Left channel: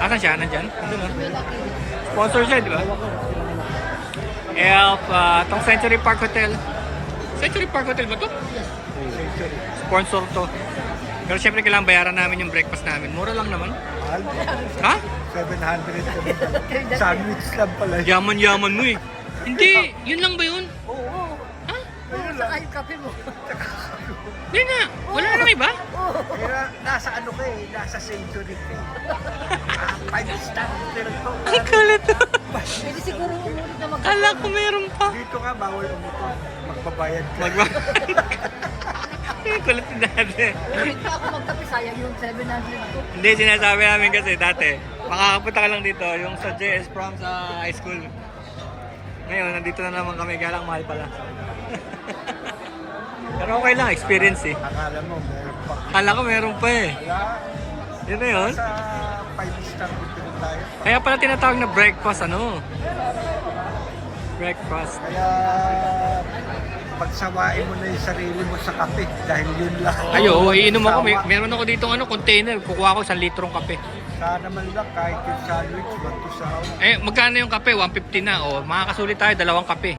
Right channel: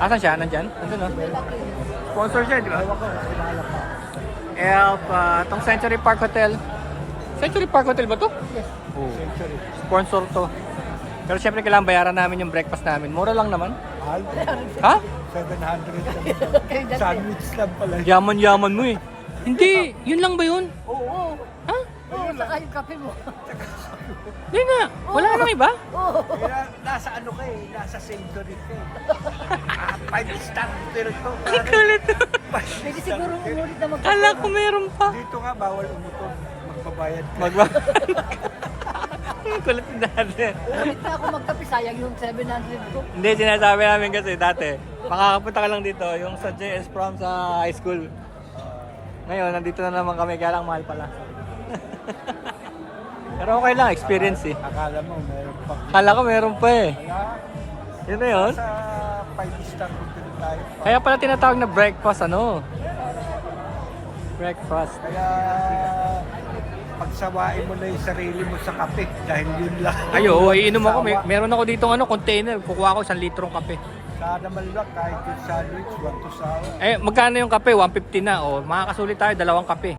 Asan siya? Nandyan? Nandun, no? Sponsor siya, di ba? Elf, tong Century Park Hotel. Century Park Hotel ba to? Yes. Oo. Sponsor to. Pero syempre kailangan bayaran namin yung breakfast namin. Mura lang naman. Mahal. Ha? 700 kami pala. Sandwich lang pala. Yaman-yaman mo eh. Hindi, yun lang ba yun? Oo. Ha? Ayun lang. Saka yung kape mo. Hindi nga. Wala nang iba? Pero nasa ano ka eh, nasa century ka eh. 5-star hotel to. Ang kulit to. Pwede siguro umulit na mag- Kala ko meron pa. Dito nga bawal umutol. Magbabayad ka. Ang kulit ni dati. Ulit ka ako magkape, sayang yung 700 ko. Hindi, sinasabi namin kasi dati, makakapunta ka lang dito, yung sa JS Prom sa high school. Ngayon, nandito na naman kami, kaya lang mahal pala. Pero okay lang, experience eh. Akala mo meron pa. Kala ko meron pa eh. Kaya Yun na yun. sa 5-star hotel tayo. Kaya pala tinatawag na breakfast, ano? Breakfast. Kaya pagsawain mo na yung sarili mo sa kape dahil yun lang. Ayo, iinom ako. Sawa. Meron ako dito ano, container. Kukuha ko 1 litrong kape. Sana man lang kahit yung sandwich, 1 to sawa. Eh, magkano yung kape? 150 na. O, makakasulit tayo, 2 kape.